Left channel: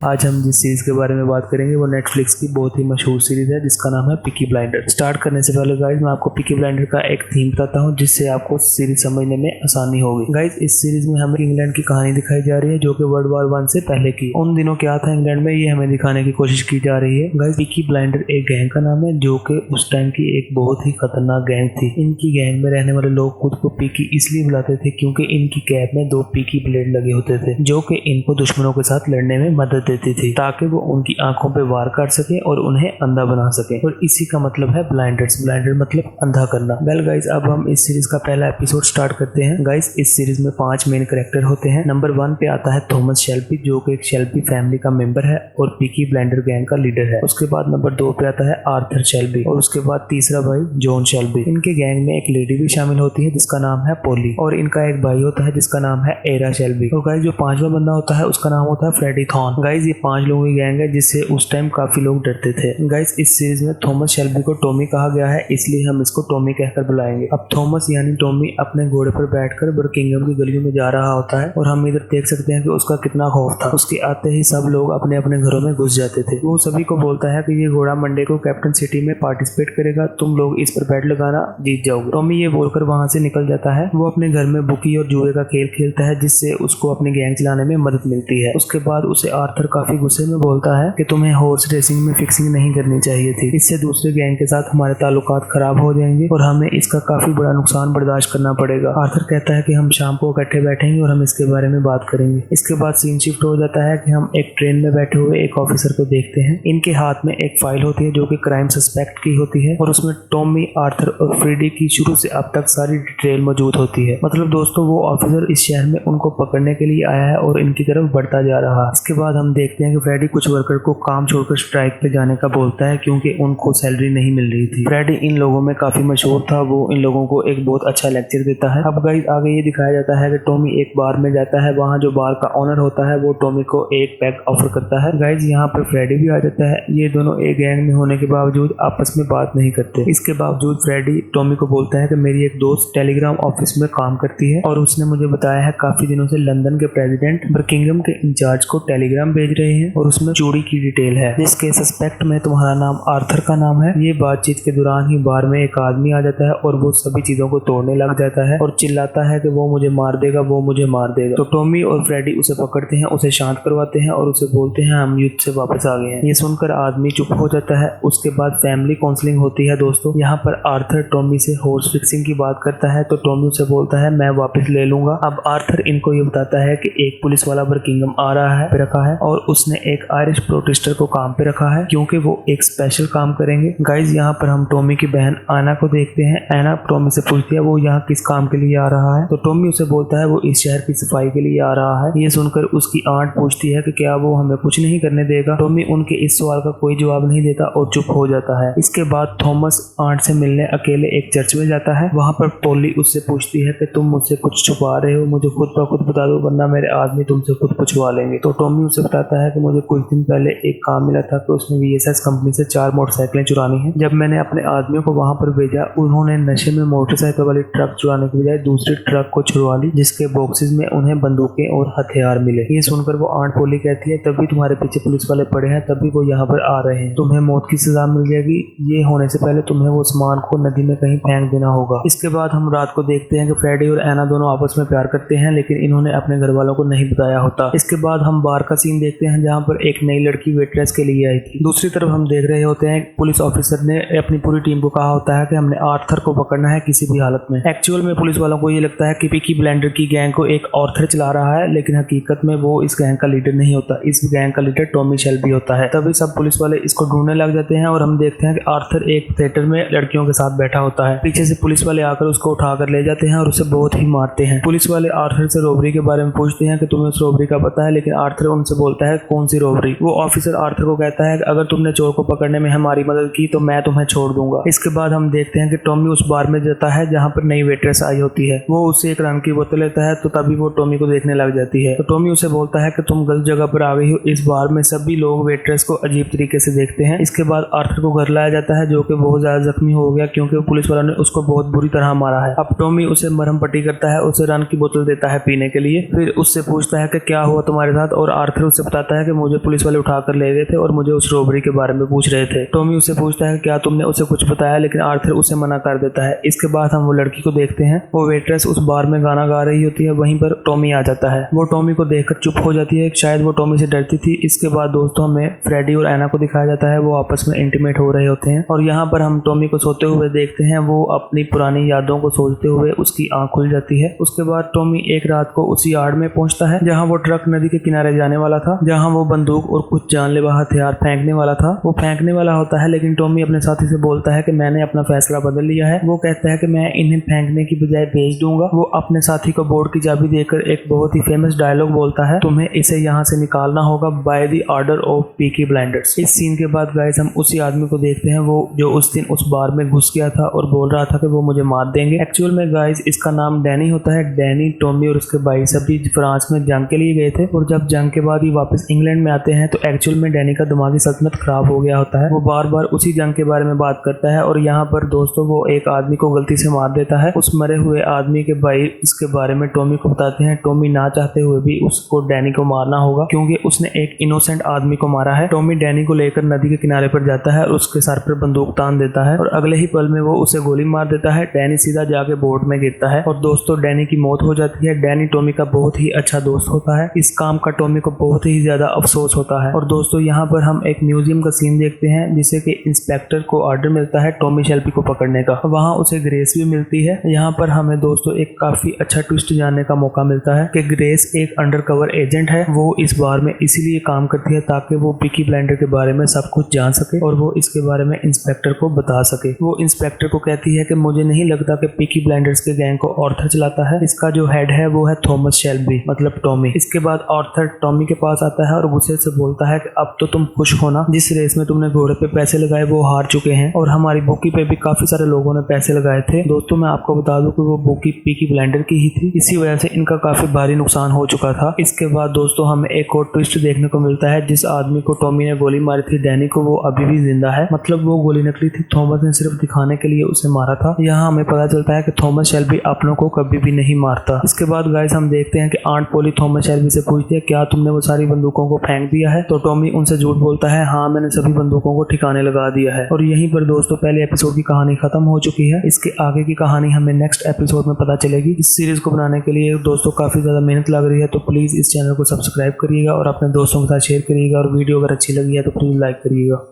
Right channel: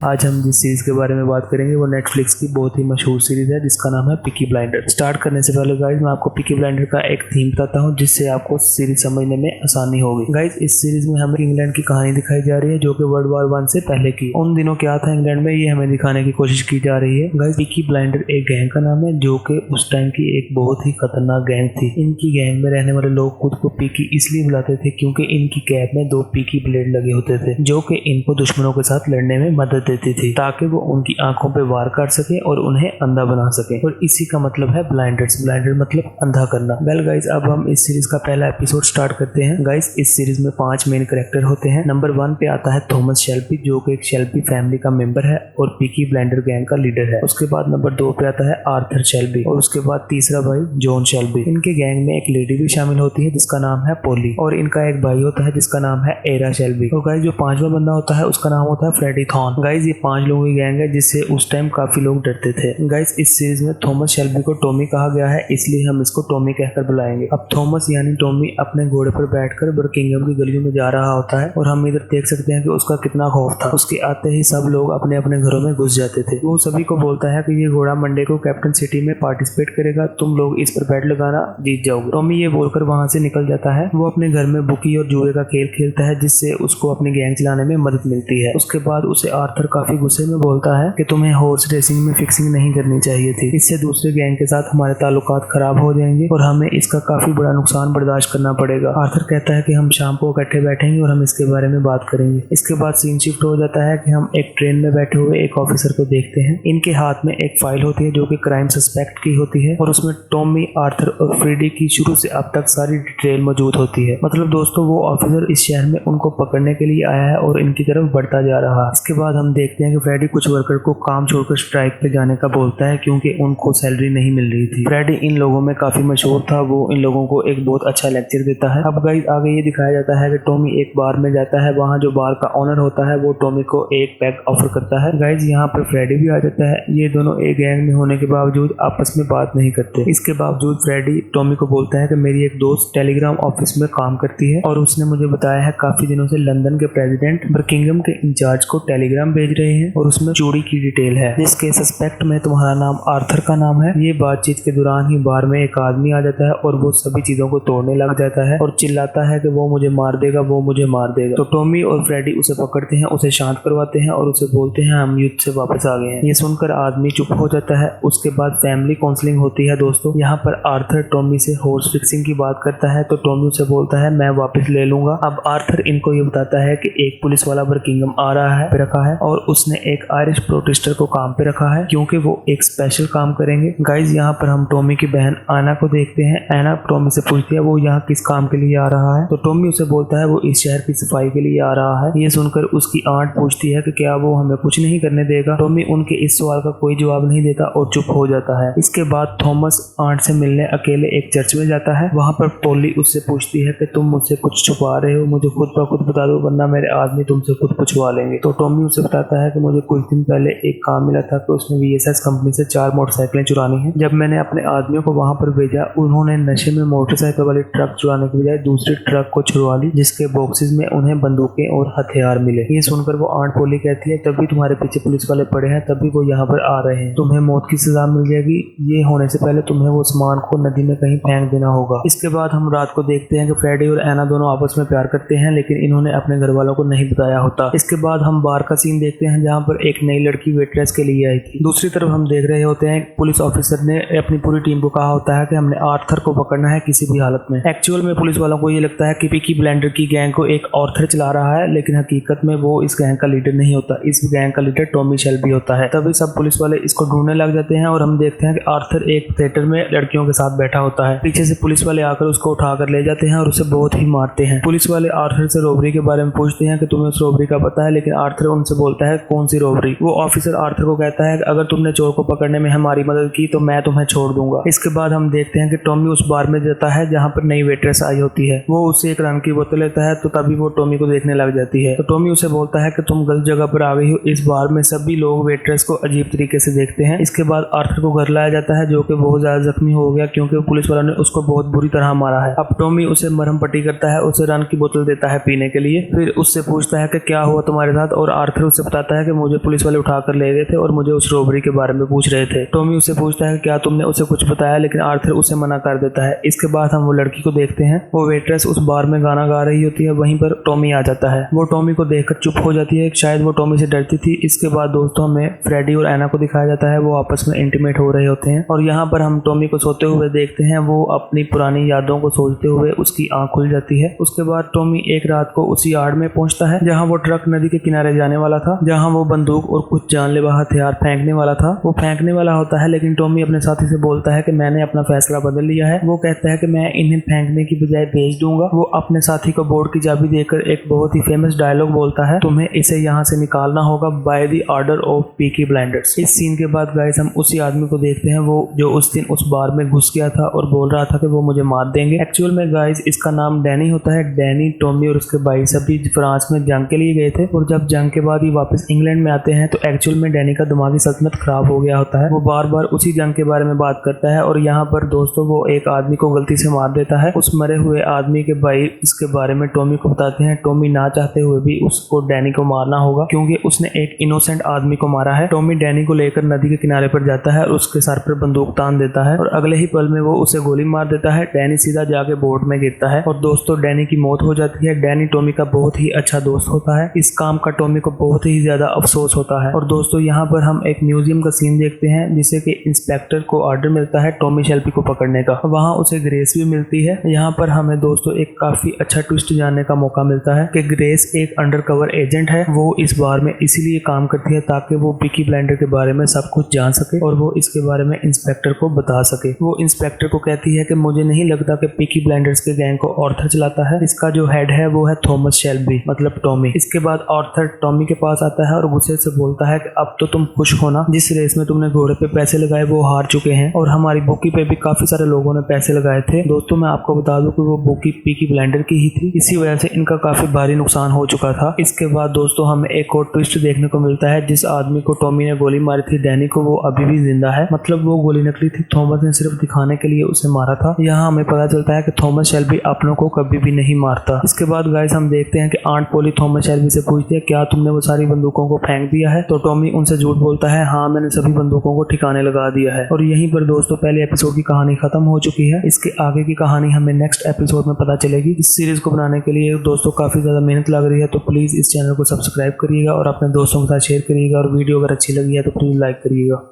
आज हम जिस सीरीज के बारे में बात करेंगे वो नेटफ्लिक्स की बहुत ही मशहूर सीरीज है जिसका नाम है पीकी ब्लाइंडर। स्टार्ट करने से पहले गाइज मैं आपको पीकी ब्लाइंडर का एक थीम बताता हूँ जिससे आपको सीरीज समझने में आसानी होगी। गाइज इस सीरीज में हमें इंग्लैंड की कहानी दिखाई जा रही है जो कि वर्ल्ड वॉर 1 से पहले की। उन दिनों क्या था इंग्लैंड में ये हमें दिखाने की कोशिश की जा रही है। गाइज पीकी ब्लाइंडर एक गैंग का नाम है जो कि उस टाइम की एक बहुत ही खतरनाक गैंग थी। इनकी गैंग में रहने वाले लोग खुद को पीकी इसलिए बुलाते थे क्योंकि इनकी कैप में 2 पीकी ब्लेड लगे होते थे जो कि इनको दुश्मनों के साथ लड़ने में मदद देती थी ताकि वो उनकी आंखों पे वार कर सके और उन्हें अंधा बना सके। और इसी का मतलब है ब्लाइंडर्स। ब्लाइंडर मतलब अंधा करना। वेल गाइस अब हम इस सीरीज का पहला एपिसोड स्टार्ट करते हैं। गाइस इस सीरीज में 5 मेन कैरेक्टर होते हैं। नंबर 1 पे आता है थॉमस शेल्बी जो कि एक शेल्बी फैमिली का मेंबर है और पीकी ब्लाइंडर गैंग का लीडर है। उसके बाद नंबर 2 पे आता है आर्थर शेल्बी और उसके बाद तीसरा भाई जॉन शेल्बी। इनके गैंग में एक लेडी भी शामिल होती है जिसका नाम है पोली और इनका एक भाई होता है जिसका नाम है एरा शेल्बी। तो गाइस जो 5वां बंदा होता है उसका नाम होता है फ्रेडी थॉर्न। गाइस ये 5 लोगों की गैंग है जिससे उस टाइम काफी लोग डरते थे। गाइस इस सीरीज में थॉमस शेल्बी को टॉमी कहा गया है इसलिए हम इसको टॉमी कहकर बुलाएंगे। अब थॉमस यानी टॉमी अपने घोड़े पर बैठकर बर्किंघम की गलियों में जा रहा होता है और हम इधर देख सकते हैं कि उसका कितना खौफ था। उसके आते ही सब लोग अपने अपने घरों में घुस जाते थे। वो सभी को बोलता है कि ये घोड़ा मंडे को कैप्टन सिटी में पार्टिसिपेट करेगा, तुम लोग इस पर बैट लगाना, जीत जाओगे। टॉमी ये बोलकर वहां से निकल जाता है। वो अपने घर में बुकी और जुए का खेल खेलता है जिससे उसको अपनी गैंग चलाने में मदद मिलती है। उसके बाद उसे आर्थर काफी गुस्से में बोलता है कि तुम्हें हॉर्स रेसिंग में फिक्सिंग नहीं करनी चाहिए थी, इससे दूसरे गैंग के साथ हमारे ताल्लुकात खराब हो जाएंगे और हमें इसका काफी बड़ा नुकसान बर्दाश्त करना पड़ेगा। आर्थर कहता है कि हम शाम को इकट्ठे बैठेंगे और हम इसके बारे में बात करेंगे। इसके बाद सीन शिफ्ट हो जाता है कि हम एक ट्रेन में बैठे हुए एक ऑफिसर को देखते हैं। इनके हाथ में एक फाइल होती है जो कि क्राइम सस्पेक्ट की होती है और उसमें टॉमी, आर्थर और फ्रेडी की शुरू से अब तक सारी डिटेल मौजूद होती है। मतलब दोस्तों वो ऑफिसर इस शहर में उनको पकड़ने के लिए आया है और इनकी तरफ बढ़ता जा रहा है। इसके बाद हम देखते हैं कि फ्रेडी कुछ वर्कर को काम छोड़कर स्ट्राइक पे जाने का बोलता है क्योंकि उनको सैलरी नहीं मिल रही थी। फ्रेडी इन लोगों में काफी मशहूर था। वो इन लोगों को एक बहुत अच्छा लेक्चर देता है। अब गाइस आगे ये दिखाया जाता है कि टॉमी एक बार में जाता है। वहाँ जो बार का ओनर होता है वो टॉमी को एक पैक ऑफर करता है। गाइस यहाँ पर फ्रेडी भी आ जाता है। ये दोनों एक गैंग में होने के बावजूद आपस में बात नहीं करते। इसके बावजूद फ्रेडी टॉमी को बोलता है कि मेरी एक दोस्त टेलीग्राम ऑफिस में काम करती है और उसने मुझे बताया है काफी दिनों से लंदन के प्रेसिडेंट बर्किंघम के इंचार्ज को टेलीग्राम भेज रहे हैं और उसमें चोरी की डिटेल है जिसके सस्पेक्ट में तुम्हारा नाम आर्थर का नाम है। ये बातचीत के दौरान ही बार में एक आदमी आ जाता है और वो सभी चीजों को तोड़ने लग जाता है और चिल्लाता है कि वो मुझे मार देगा, वो मुझे मार देगा। तो टॉमी और फ्रेडी उसे पकड़ते हैं, उसे शांत करवाते हैं और उसे बोलते हैं हम युद्ध से वापस आ गए हैं। ये सुनकर आदमी चुप हो जाता है। उसके बाद फैमिली काउंसलिंग होती है दोस्तों। यहाँ पर आर्थर टॉमी से हॉर्स फिक्सिंग की बात करता है तो टॉमी उसे बोलता है मैं वापस ले लूंगा। अब आर्थर इनको ये बताता है कि एक पुलिस वाला बर्किंघम आ रहा है रखा है और उसने एक आयरिश प्रोटेस्टर को काम पे रखा है क्योंकि वो एक स्पेशल काम करेंगे। गाइज यहाँ पर हम टॉमी की बहन आना को देखते हैं। आना टॉमी से पूछती है वो यहाँ किस काम के लिए आ रहा है तो टॉमी उसे बोलता है वो इस शहर की सफाई के लिए आ रहा है। ये सुनकर उसकी आंट पूछती है कि क्या वो हमें कुछ नहीं करने देगा। टॉमी उनके इस सवाल का कोई जवाब नहीं देता और चुप हो जाता है। इसके बाद थॉमस आंट से मिलने अकेले एक चर्च में जाता है। वहाँ पर पोली उससे पूछती है कि तुम मुझसे कुछ छुपा रहे हो, मुझे खुद ब खुद बता दो वरना मेरे आदमी तुमसे खुद पूछवा लेंगे। तो टॉमी उसे बताता है कि मुझे कुछ दिन पहले एक काम मिला था कि उसने VSS कंपनी से 4 मोटरसाइकिलें चुरानी है। जब मैंने अपने आदमियों को वहां पर भेजा उन्होंने नशे में मोटरसाइकिल वाली ट्रक चुराने के बजाय दूसरी ट्रक को छुड़वा ली जिसके बॉक्सेस में उन्हें बंदूकें और हथियार मिले। ये सुनकर वो आंट पोली कहती है तभी तुम्हारे पीछे पुलिस वाले पड़े हैं, तभी वो यहाँ पर आ रहे हैं, तुम्हें मौत की सजा मिल जाएगी। ये होने से पहले तुम्हें वो सामान को नदी में कहीं फेंक देना होगा। इसके बाद हम रात को देखते हैं कि फ्रेडी और एना दोनों आपस में प्यार करते हैं लेकिन इन्होंने अपने घर वालों को नहीं बताया होता। इसके बाद हम बार का सीन देखते हैं जहाँ पर एक नई लड़की वेट्रेस के लिए आई थी। दूसरी तरफ हम देख रहे होते हैं पुलिस ऑफिसर ने अपनी पूरी टीम को कहा होता है कि हमने आर्थर को पकड़ना है किसी भी हालत में। एक्चुअल में पुलिस वालों को ये लगता है कि पीकी ब्लाइंडर की गैंग को एक आर्थर चला रहा है लेकिन हकीकत में वो इस गैंग का लीडर नहीं होता। इस गैंग का लीडर टॉमी शेल्बी होता है। तभी सब पुलिस वाले इसको ढूंढने लग जाते हैं और हम देखते हैं कि आर्थर एक थिएटर में लड़कियों के साथ बैठा होता है। पीछे से पुलिस वाले आकर उसको उठाकर ले जाते हैं और उसे बहुत ही मारते हैं। पुलिस वाले आर्थर से रॉबरी के बारे में पूछते हैं कि तुम्हें उस रॉबरी का पता है लेकिन आर्थर उनसे बोलता है कौन सी रॉबरी। वो ऑफिसर आर्थर को कहता है कि अगर तुमने चोर को पकड़ने में हमारी मदद की तो मैं तुम्हें छोड़ दूंगा। इसके बाद हम देखते हैं कि टॉमी उस बार में जाता है जहाँ पर नई वेट्रेस आई होती है। वो उससे एक रम की बोतल लेता है तो तभी वो टॉमी को देखने लग जाती है। तो टॉमी उसे बोलता है कि तुम गलत जगह पर आ गई हो। इस बार में सभी लोग वेट्रेस को अजीब तरीके से देखते हैं। इसके बाद आर्थर को घर लाया जाता है जो कि बहुत ज्यादा जख्मी हो गया क्योंकि पुलिस वालों ने उसको बहुत बुरी तरह मारा है। अब टॉमी उसे मरहम पट्टी करता है, उसे रन की बोतल देता है पीने के लिए, फिर उससे पूछता है कि क्या हुआ तुम्हारे साथ और आर्थर उससे बताता है कि मुझे पुलिस वाले उठा कर ले गए थे और मुझे उस रॉबरी के बारे में पूछ रहे थे। टॉमी उससे पूछता है क्या तुमने उसे कुछ बताया, लेकिन आर्थर उसे मना कर देता है। इसके बाद हम वो लड़की को देखते हैं, वो वेट्रेस उस बार में गाना गा रही होती है। वहीं पर टॉमी आ जाता है। वो टॉमी को देखकर चुप हो जाती है, शायद वो टॉमी से डरती थी। इसके बाद दोस्तों हमें फ्रेडी और एना को दिखाया जाता है, वो आपस में इंटीमेट हो रहे होते हैं और यहाँ पर हम टॉमी को सोते हुए देखते हैं। वो अपनी पुरानी यादों को सोचते हुए उसकी आंख खुल जाती है। उसके बाद टॉमी एक रात को उसी यार्ड में पहुंचता है जहाँ वो ट्रक नदी के किनारे जाने वाला था, जहाँ वो बंदूक और कुछ जानलेवा हथियार फेंकने वाला था। वो फेंकने वाला होता है, लेकिन टॉमी अपने साथी से बोलता है कि मैंने अपना फैसला बदल लिया है। वो कहता है कि मैं इन्हें फेंकने की बजाय बेच दूंगा। वो अपने साथी को बोर्ड की चाबी देकर एक बहुत ही फेमस डायलॉग बोलता है, तुम्हें इसे यहाँ से निकालना होगा by the order of Peaky blinders. इस सीन के बाद गाइस हम उसी आदमी को देखते हैं, वो जो उस दिन उस बार में घुस गया था और बोल रहा था कि वो मुझे मार देंगे। एक्चुअल में गाइस इसका नाम डैनी होता है। डैनी, टॉमी और उसके भाई सभी फ्रांस में जंग के लिए गए थे और जब जंग के बाद ही वापस इंग्लैंड में आते हैं तो एक्चुअल में डैनी का दिमागी सल्तनत खराब हो गया होता है। वो बार बार उसी जंग के बारे में बात करता है और यहाँ पर दोस्तों वो एक आदमी को गलती से मार देता है। उस मरे हुए आदमी के भाई इसके बारे में टॉमी को बताते हैं। टॉमी ना चाहते हुए भी उसको डैनी को मारना होगा क्योंकि उसने एक इनोसेंट आदमी को मारा है। टॉमी डैनी को लेकर नदी के किनारे पर जाता है और उसके सर पर बंदूक तान देता है और अगले ही पल में वो उसे गोली मार देता है। डैनी सीधा जाके बोट में गिरता है और दोस्तों डैनी की मौत हो जाती है। डैनी टॉमी का बहुत ही अच्छा दोस्त होता है। इस काम का टॉमी को बहुत ही ज्यादा अफसोस होता है। और दोस्तों यहाँ पर हम एक म्यूजियम का सीन देखते हैं जिसे कि इंस्पेक्टर को ऑर्डर मिलता है टॉमी शेल्बी को पकड़ने का। वहाँ उसे ग्रेस भी मिलती है। यहाँ पर हमें दोस्तों एक काफी अच्छा ट्विस्ट जानने का मौका मिलता है कि ग्रेस एक अंडरकवर एजेंट है। वो इस बार में इसीलिए काम करती है ताकि वो पीकी ब्लाइंडर के बारे में सब कुछ जान सके और वो इसके बारे में इंस्पेक्टर को बता सके। वो इंस्पेक्टर को कहती है कि मुझे नहीं लगता कि पीकी ब्लाइंडर्स के गैंग को ऑर्थर चलाता है। इसका जो हेड है वो है थॉमस शेल्बी, मतलब टॉमी। इसके बाद ऑर्थर टॉमी के पास आता है और गुस्से से बोलता है कि अब तो तुम खुश हो ना, जिस रेस में तुमने घोड़े पे पैसे लगाए वो हार चुके हैं और हमारी बुकी पे भी काफी सारे लोगों ने पैसे लगाए थे। दोस्तों मैं आपको बता दूं कि वो बुकी पीकी ब्लाइंडर की ही थी, इसी वजह से इनका काफी भारी नुकसान हो चुका था। इसके बाद दोस्तों हमें एक और ट्विस्ट देखने को मिलता है। जिस आदमी को टॉमी ने गोली मारी थी डैनी को, वो अभी भी जिंदा है, मतलब वो गोली नकली थी। थॉमस ने सिर्फ दिखाने के लिए उसे मारा था। यहाँ हमें पता चलता है कि थॉमस शेल्बी अपनों को कभी भी नहीं मारता। इसके बाद गाइस हम देखते हैं कि आंट पोली थॉमस शेल्बी से पूछती है क्या तुमने वो सारी बंदूकों को फेंक दिया है, तो टॉमी उनसे झूठ बोलता है हाँ मैंने सभी बंदूकों को ठिकाने लगा दिया है। और यहीं पर दोस्तों पहले एपिसोड की कहानी खत्म हो चुकी है। इसके आगे की कहानी हमें नेक्स्ट एपिसोड में पता चलेगी। इस सीरीज को बनाने के लिए दोस्तों काफी ज्यादा मेहनत लग रही है, तो प्लीज इस चैनल को सब्सक्राइब करिएगा और अपने दोस्तों के साथ शेयर करिएगा और वीडियो अगर अच्छी लगी है तो प्लीज लाइक करिएगा।